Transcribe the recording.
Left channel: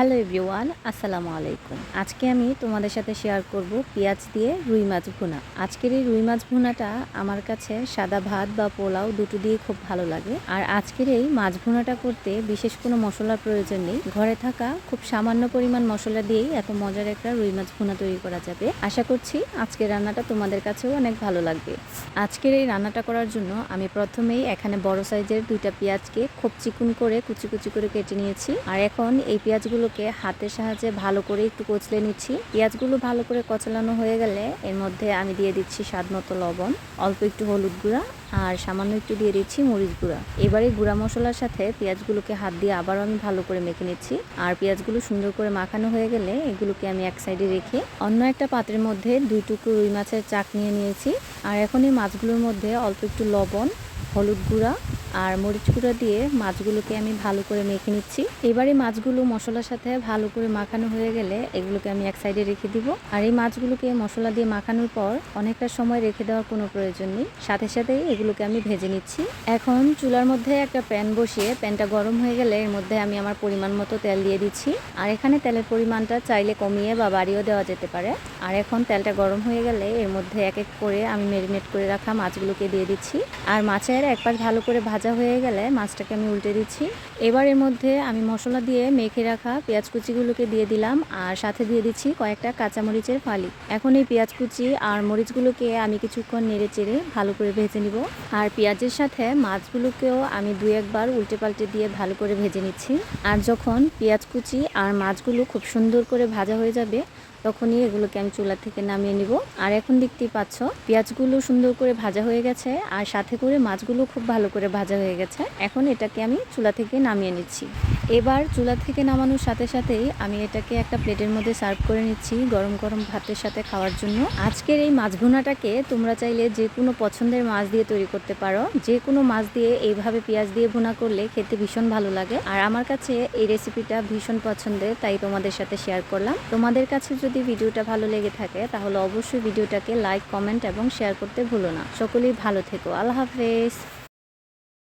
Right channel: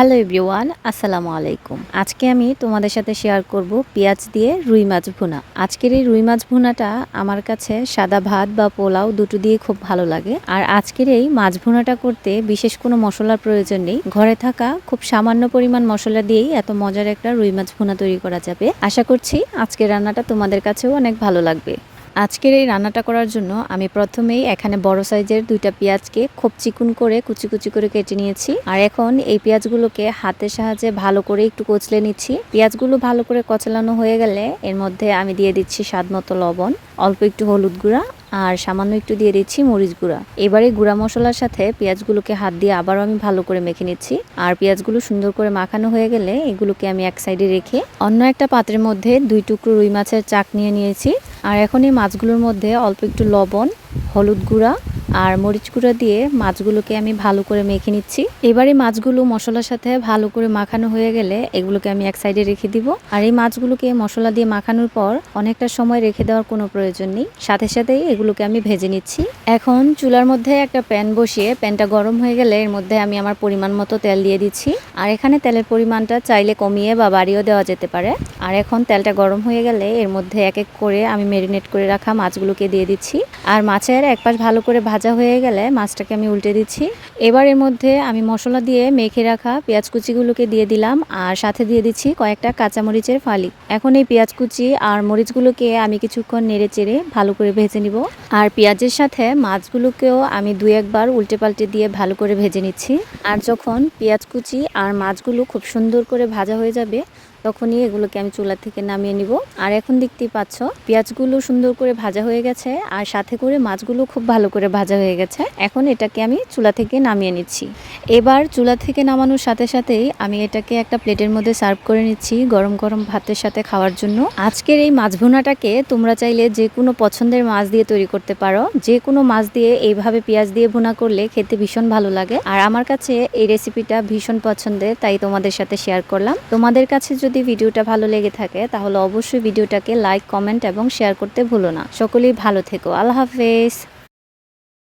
Hello everyone, আসসালামু আলাইকুম। আজকে আমি তোমাদের সাথে শেয়ার করব পেঁয়াজ দিয়ে রুই মাছ ভুনা। আজকের এই রুই মাছ ভুনাটা আমার কাছে সাদা ভাত বা পোলাও দুটো দিয়ে খুব ভালো লাগে। আর আজকের এই মাছ ভুনাটা করতে বিশেষ কোনো মশলার প্রয়োজন নেই। ঘরে থাকা খুব সামান্য পরিমাণ মশলা দিয়েই এত মজার একটা রুই মাছ ভুনা তৈরি করা যাবে। আশা করছি আজকের রান্নাটা তোমাদের কাছেও অনেক ভালো লাগবে। আজকের এই রান্নাটা করার জন্য আমি প্রথমেই এখানে বড় সাইজের দুইটা পেঁয়াজকে খুব চিকুন করে কুচি কুচি করে কেটে নিয়েছি। আর এখন এই পেঁয়াজগুলোকে হাতের সাহায্যে ভালো করে একটু কচলে নিচ্ছি। পেঁয়াজগুলো ভালো করে কচলানো হয়ে গেলে এর মধ্যে আমি দিয়ে দিচ্ছি স্বাদ মতো লবণ, অল্প একটু হলুদ গুঁড়া আর সামান্য একটু দিয়ে দিচ্ছি মরিচ গুঁড়া। এবারে গুঁড়া মশলার সাথে পেঁয়াজগুলোকে হাত দিয়ে আবারও আমি ভালো করে মেখে নিচ্ছি। আর পেঁয়াজগুলো সুন্দর করে মাখানো হয়ে গেলে এগুলোকে আমি এক সাইডে রেখে অন্য একটা পাত্রের মধ্যে দুই টুকরো রুই মাছের চাক নিয়ে নিয়েছি। আর এখন এই মাছগুলোর মধ্যে অল্প একটু লবণ, হলুদ গুঁড়া আর মরিচ গুঁড়া দিয়ে মাছগুলোকে আমি ভালো করে মেখে নিচ্ছি। এবারে মাছগুলো মশলার সাথে ভালো করে মাখানো হয়ে গেলে এগুলোকে আমি এক সাইডে রেখে দিব। আর এই মাছগুলোকে মশলা দিয়ে মাখানোর পর অনেকটা সময় রেখে দেওয়ার কোনো প্রয়োজন নেই। সাথে সাথেই এগুলোকে আমি ভেজে নিচ্ছি। এখন চুলার মধ্যে একটা প্যান বসিয়ে প্যানটা গরম হয়ে গেলে এর মধ্যে আমি আমার পরিমাণ মতো তেল দিয়ে দিচ্ছি। আর এখানে তেলের পরিমাণটা চাইলে কমিয়ে বা বাড়িয়েও দেওয়া যেতে পারে। আর এখন তেলটা গরম হয়ে গেলে এর মধ্যে এক এক করে আমি মেরিনেট করে রাখা মাছগুলোকে দিয়ে দিচ্ছি। আর মাছের এক পাশ ভালো করে ভাজা হয়ে গেলে মাছটাকে আমি উল্টে দিচ্ছি। এবার এর মধ্যে আমি মশলা দিয়ে মেখে রাখা পেঁয়াজ কুচিগুলোকে দিয়ে দিলাম আর সাথে দিয়ে দিচ্ছি কয়েকটা কাঁচামরিচের ফালি। এখন এই পেঁয়াজ কুচি আর মরিচগুলোকে আমি কিছুক্ষণ নেড়ে চেড়ে ভালো করে ভেজে নিব। আর পেঁয়াজের সাথে মাছগুলোকেও আমি দু একবার উল্টে পাল্টে দিয়ে ভালো করে ভেজে নিচ্ছি। আর যখন পেঁয়াজ কুচি আর মাছগুলো খুব সুন্দর করে ভাজা হয়ে যাবে তখনই এগুলোকে আমি চুলা থেকে নামিয়ে নিব। আর এখন দেখতেই পাচ্ছ, পেঁয়াজগুলো সুন্দর করে ভাজা হয়ে গেছে আর সাথে করে মাছগুলো খুব ভালো করে ভাজা হয়ে গেছে। এখন এটাকে আমি চুলা থেকে নামিয়ে নিচ্ছি। এবার চুলা থেকে নামানোর সাথে সাথেই আমি এটাকে একটা প্লেটের মধ্যে সার্ভ করে নিচ্ছি গরম গরম ভাতের সাথে খাওয়ার জন্য। আজকের এই মাছ ভুনাটাকে তোমরা চাইলে যে কোনো পছন্দের মাছ দিয়ে তৈরি করতে পারো। যে কোনো মাছ দিয়ে এইভাবে পেঁয়াজ দিয়ে ভুনা করলে খেতে ভীষণ ভালো লাগে। আর আমার কাছে এই রেসিপিটা ভীষণ পছন্দের, তাই তোমাদের সাথে শেয়ার করলাম। তোমাদের কাছে যদি ভিডিওটা ভালো লেগে থাকে, তাহলে অবশ্যই ভিডিওটাকে লাইক কমেন্ট এবং শেয়ার করতে ভুলো না। সকলেই ভালো থেকো। আল্লাহ হাফেজ।